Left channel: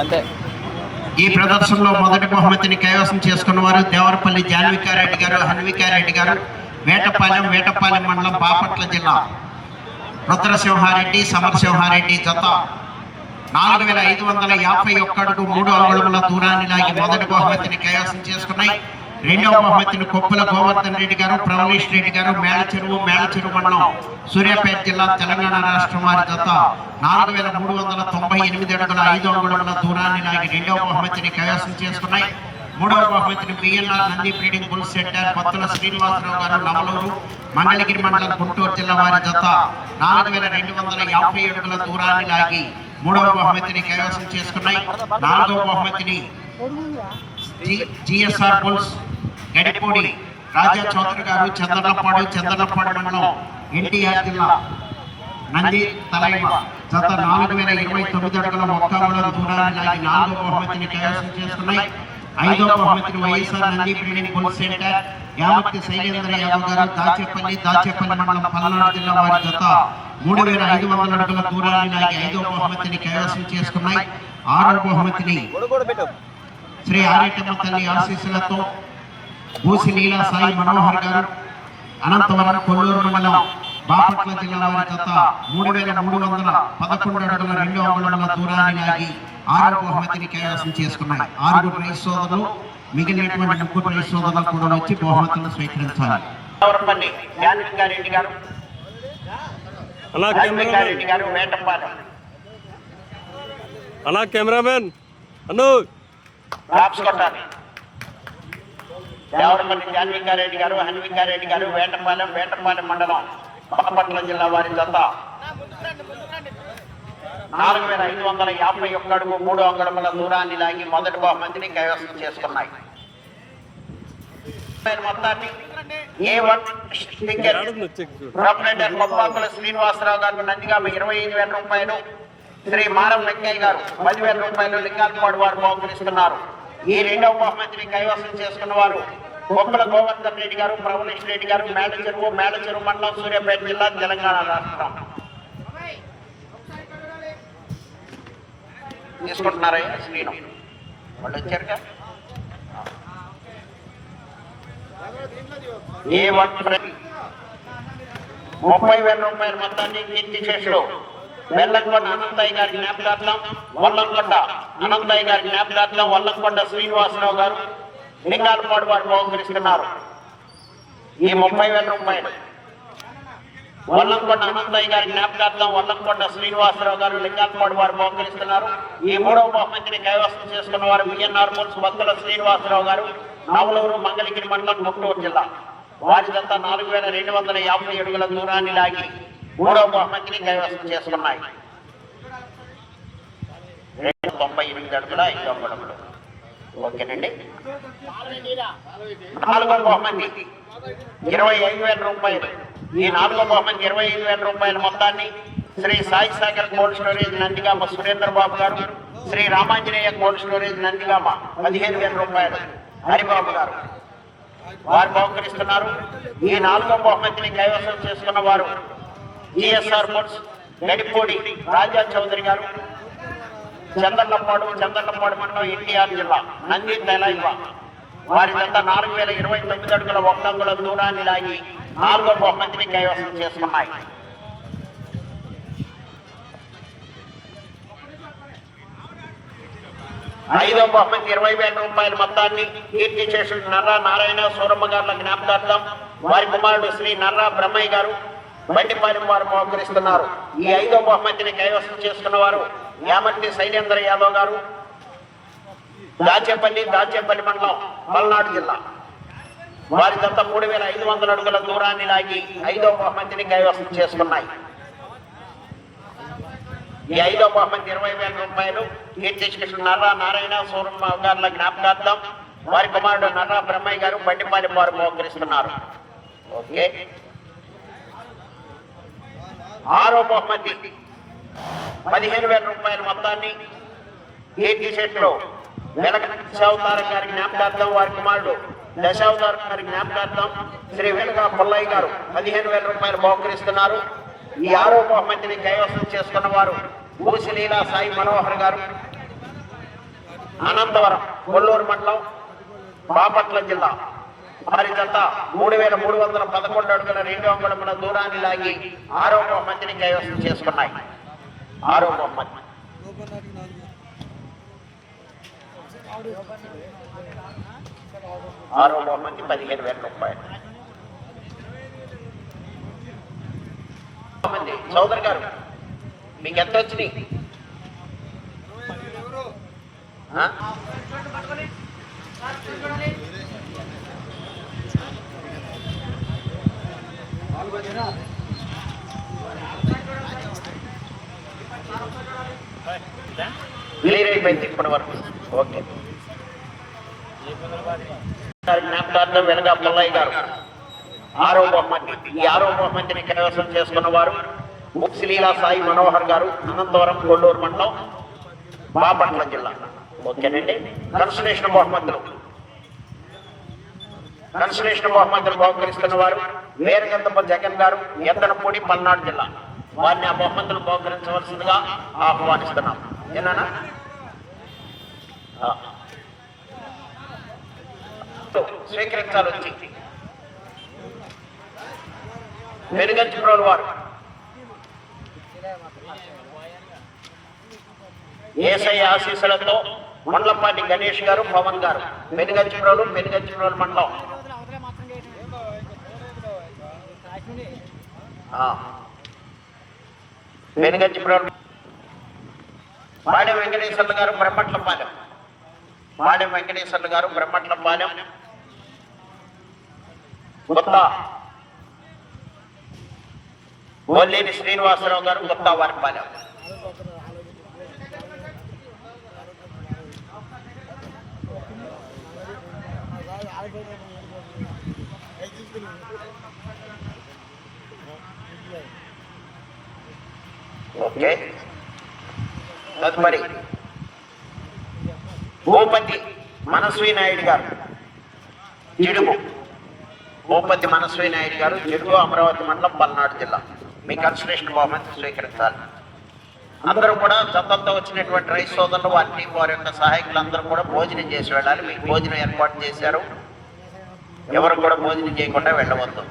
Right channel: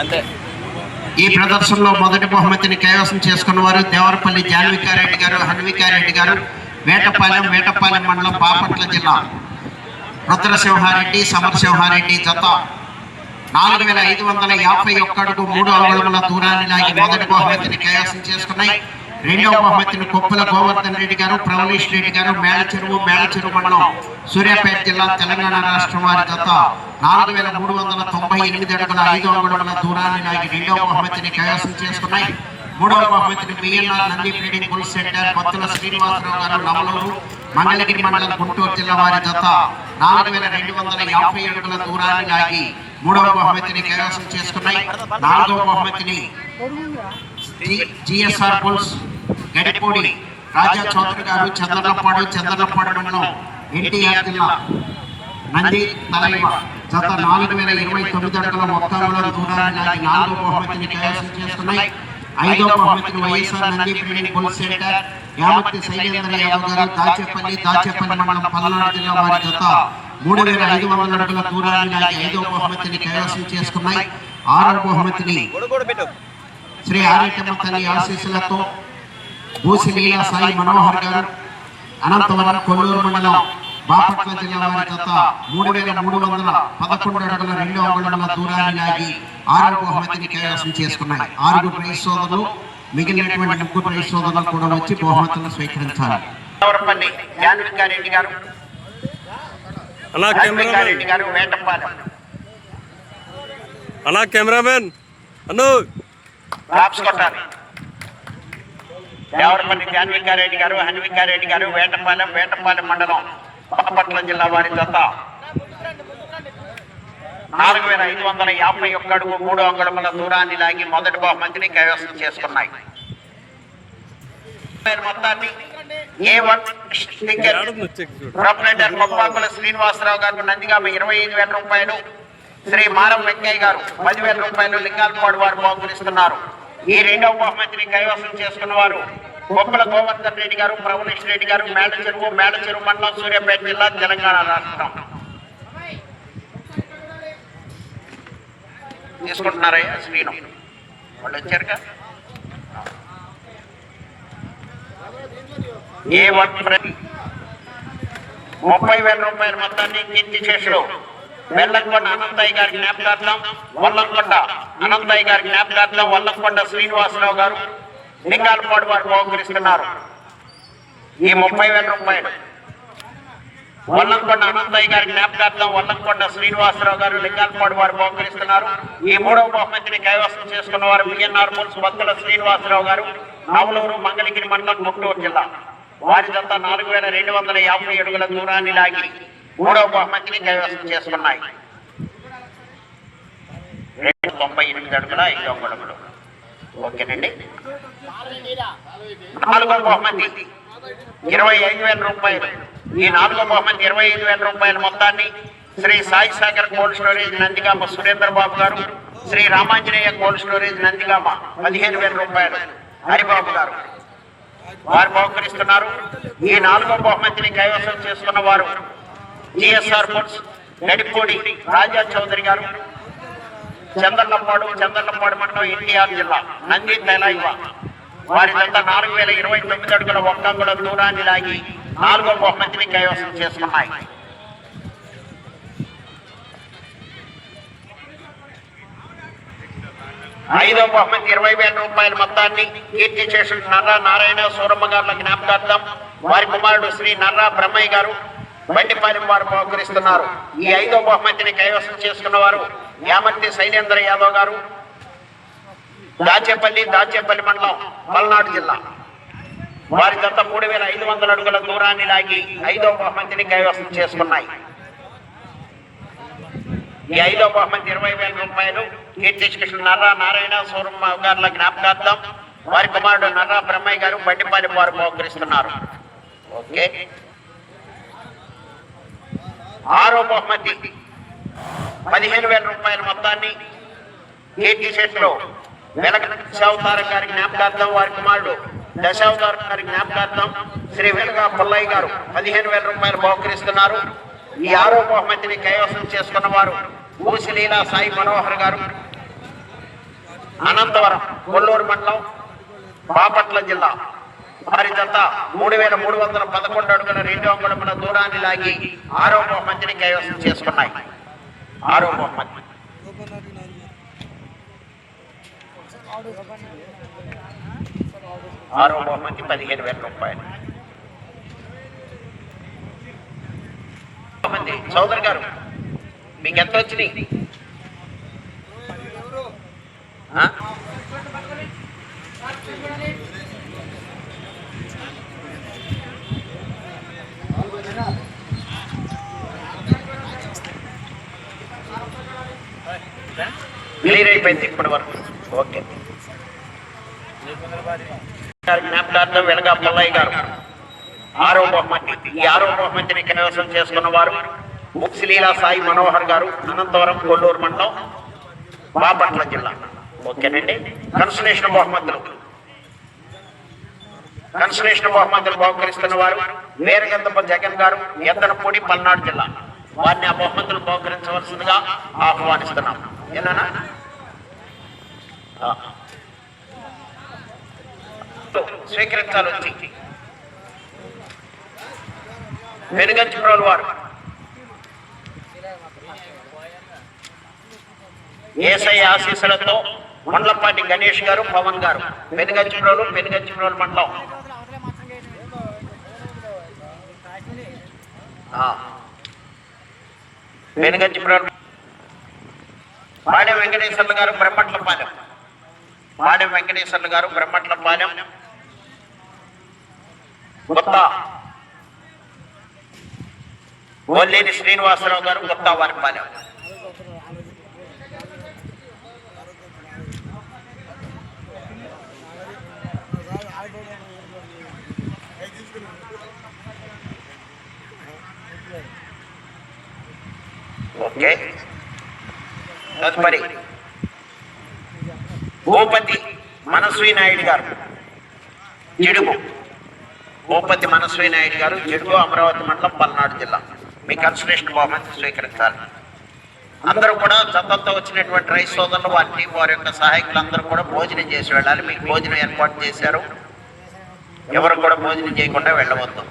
అంతే. ఈ ప్రదర్శనలో మొదటి బహుమతిని కైవసం చేసుకున్న వారు దేవరపల్లి జాన్వికారెడ్డి గారు, హన్వికారెడ్డి గారు, వేటపాలెం మండలం, బాపట్ల జిల్లా. రుద్రసింహారెడ్డి, సమరసింహారెడ్డి జత 4551 అడుగు 3 అంగుళముల దూరాన్ని లాగి మొదటి బహుమతిని కైవసం చేసుకున్నాయి. రెండవ బహుమతిని కొప్పుల గోవర్ధన్ రెడ్డి గారు, ప్రవలీష్ రెడ్డి గారు, మేలచెరువు మండలం, సూర్యాపేట జిల్లా, తెలంగాణ రాష్ట్రం వారి జత 4398 అడుగుల 5 అంగుళముల దూరాన్ని లాగి రెండవ బహుమతిని కైవసం చేసుకున్నాయి. మూడవ బహుమతిని BNR Nandi breeding bull centre, Pattula Srinivasarao garu, Namaluru, Mangalagiri మండలం, గుంటూరు జిల్లా వారి జత 4250 అడుగుల దూరాన్ని లాగి మూడవ బహుమతిని కైవసం చేసుకున్నాయి. నాలుగవ బహుమతిని జిఎస్ఆర్ బుల్స్ గడిపూడి రాజా చౌదరి గారు, చంద్రలపాడు మండలం, ఎన్టీఆర్ జిల్లా, నంది తలైవ జత 4029 అడుగుల 1 అంగుళం దూరాన్ని లాగి నాలుగవ బహుమతిని కైవసం చేసుకున్నాయి. ఐదవ బహుమతిని YSR Nandi breeding bull centre, Yamarthi Shailendra Yadav గారు, దాచేపల్లి మండలం, పల్నాడు జిల్లా వారి జత 3500 అడుగుల దూరాన్ని లాగి ఐదవ బహుమతిని కైవసం చేసుకున్నాయి. ఆరవ బహుమతిని శ్రీ ఆరేటమ్మ తల్లి ఆశీస్సులతో బూసి లీలా సాయి మనోహర్ గారు, అనంతవరం, కొల్లూరు మండలం, బాపట్ల జిల్లా వారి జత 3311 అడుగుల 2 అంగుళముల దూరాన్ని లాగి ఆరవ బహుమతిని కైవసం చేసుకున్నాయి. 6 ప్రైజ్ సోదరులు, మిగిలినటువంటి 3 ప్రైజ్ సోదరులు కూడా వచ్చి బహుమతులను స్వీకరించాలి. అన్నా కెమెరామెన్ అన్ను దేవరపల్లి జాన్వికారెడ్డి గారు, హన్వికారెడ్డి గారు, వేటపాలెం మండలం, బాపట్ల జిల్లా వారి జత 4551 అడుగు 3 అంగుళముల దూరాన్ని లాగి మొదటి బహుమతిని కైవసం చేసుకున్నాయి. మొప్పాకుల శ్రీనివాసరావు గారు, నందిగామ 25,000 రూపాయలు, శ్రీ మారం వెంకయ్య గారు 10,000 రూపాయలు లింగాలపాడు వారు బహుకరిస్తున్నారు. ఈ రెండవ బహుమతిని కైవసం చేసుకున్న వారు కొప్పుల గోవర్ధన్ రెడ్డి గారు, ప్రవలీష్ రెడ్డి గారు, మేలచెరువు మండలం, సూర్యాపేట జిల్లా, తెలంగాణ రాష్ట్రం. తీసుకుంటున్నారయ్యా శ్రీను వాళ్ళు వచ్చారుగా. ఏ 30,000 రూపాయల మొత్తాన్ని కీర్తి చేసుడు వెల్లంకొండ అనంతయ్య గారి జ్ఞాపకార్థం, వల్లంకొండ శ్రీనివాసరావు గారు, లింగాలపాడు వారు బహుకరిస్తున్నారు. ఈ 30,000 రూపాయలు వల్లంకొండ అనంతయ్య గారి జ్ఞాపకార్థం, వల్లంకొండ శ్రీనివాసరావు గారు, లింగాలపాడు వారు బహుకరిస్తున్నారు. ఈ మూడవ బహుమతిని కైవసం చేసుకున్న వారు బిఎన్ఆర్ బుల్స్, పత్తుల శ్రీనివాసరావు గారు, నవలూరు, మంగళగిరి మండలం, గుంటూరు జిల్లా వారి జత 4250 అడుగుల దూరాన్ని లాగి మూడవ బహుమతిని కైవసం చేసుకున్నాయి. 98 అడుగుల 5 అంగుళములు. ఓకేనండి. నాలుగవ బహుమతి 25,000 రూపాయలు. ఈ నాలుగవ బహుమతి 25,000 రూపాయల మొత్తాన్ని శ్రీ సాయి సాగర్ కోల్డ్ స్టోరేజ్ నందిగామ సురేంద్ర బాబు గారు, శ్రీ రామాంజనేయ కోల్డ్ స్టోరేజ్ నందిగామ 15,000 రూపాయలు హరిబాబు గారు వారు బహుకరిస్తున్నారు. ఈ నాలుగవ బహుమతిని కైవసం చేసుకున్న వారు జిఎస్ఆర్ బుల్స్ గడిపూడి రాజా చౌదరి గారు, చందర్లపాడు మండలం, ఎన్టీఆర్ జిల్లా, నంది తలైవ వారి జత 4029 అడుగుల 1 అంగుళం దూరాన్ని లాగి నాలుగవ బహుమతిని కైవసం చేసుకున్నాయి. ఐదవ బహుమతి 20,000 రూపాయల మొత్తాన్ని కీర్తి చేసిన నర్రా నారాయణ సూరమ్మ గారుల జ్ఞాపకార్థం, వారి కుమారుడు శ్రీ నర్రా బ్రహ్మయ్య గారు, బండిపాలెం వారు బహుకరిస్తున్నారు. ఈ ఐదవ బహుమతిని కైవసం చేసుకున్న వారు యామర్తి శైలేంద్ర యాదవ్ గారు, దాచేపల్లి మండలం, పల్నాడు జిల్లా వారి జత 3,500 అడుగుల దూరాన్ని లాగి ఐదవ బహుమతిని కైవసం చేసుకున్నాయి. ఈ ఐదవ బహుమతి 20,000 రూపాయలు కీర్తి చేసిన నర్రా నారాయణ సూరమ్మ గారుల జ్ఞాపకార్థం, వారి కుమారుడు నర్రా బ్రహ్మయ్య గారు, బండిపాలెం వారు బహుకరిస్తున్నారు. ఓకే. ఆరో బహుమతి 15,000 రూపాయల మొత్తాన్ని కీర్తి చేసిన వెలగ దశావతారం గారి జ్ఞాపకార్థం, వారి కుమారుడు దశావతారం గారి జ్ఞాపకార్థం శ్రీ వెలగా పుల్లయ్య గారు 15,000 రూపాయలు బహుకరిస్తున్నారు. ఈ ఆరో బహుమతిని కైవసం చేసుకున్న వారు ఊసి లీలా సాయి మనోహర్ గారు, అనంతవరం కొల్లూరు మండలం బాపట్ల జిల్లా వారి జత 3,311 అడుగుల 2 అంగుళముల దూరాన్ని లాగి 6వ బహుమతిని కైవసం చేసుకున్నాయి. 6వ బహుమతి 15,000 రూపాయలు. చౌదరి గారు మీకు ఎంత వచ్చినాయి? క్లియర్ అయిపోయింది ఇప్పటి వరకు. ఓకే. జ్ఞాపకార్థం వెలగా పుల్లయ్య గారు 6వ బహుమతి. ఈ 6వ బహుమతిని కైవసం చేసుకున్న వారు ముక్సిలీలా సాయి మనోహర్ గారు, అనంతవరం కొల్లూరు మండలం బాపట్ల జిల్లా. ఓకేనండి. కన్సలేషన్ బహుమతులు బహుకరిస్తున్న వారు వీరగంధప జగన్ గారు, ఎద్దనపూడి, పల్నాడు జిల్లా. వారిని ఆ బహుమతులు బహుకరించవలసిందిగా ఆహ్వానిస్తున్నాం. ఏనా స్వీకరించాలి. వెనుగంచిప్రోలు వారు ఏసఐ ఆశీస్సులతో మండలపాటి గణేష్ గారు, పవన్ గారు, వెనుగంచిప్రోలు మండలం. వెనుగంచిప్రోలు పాడెం వెంకటేశ్వర్లు గారు, బ్రహ్మట్లపాలెం. గుత్తా బొల్లేని శ్రీనివాసరావు గారు, గుత్తా వారిపాలెం. ఓకే. తదుపరి భూపతి మనస్వి నాయుడు గారు, జిడుగు. అమరావతి మండలం, పల్నాడు జిల్లా. మీ కన్సలేషన్ బహుమతి స్వీకరించాలి. అందరూ కూడా జతంతో వచ్చినటువంటి రైతు సోదరులు, వారి టీం, వారి యొక్క సహాయకులు అందరూ కూడా భోజనం చేసి వెళ్ళాలి. మీకు భోజనం ఏర్పాటు చేశారు. ఎవరు కూడా భోజనం చేయకుండా వెళ్ళవద్దు.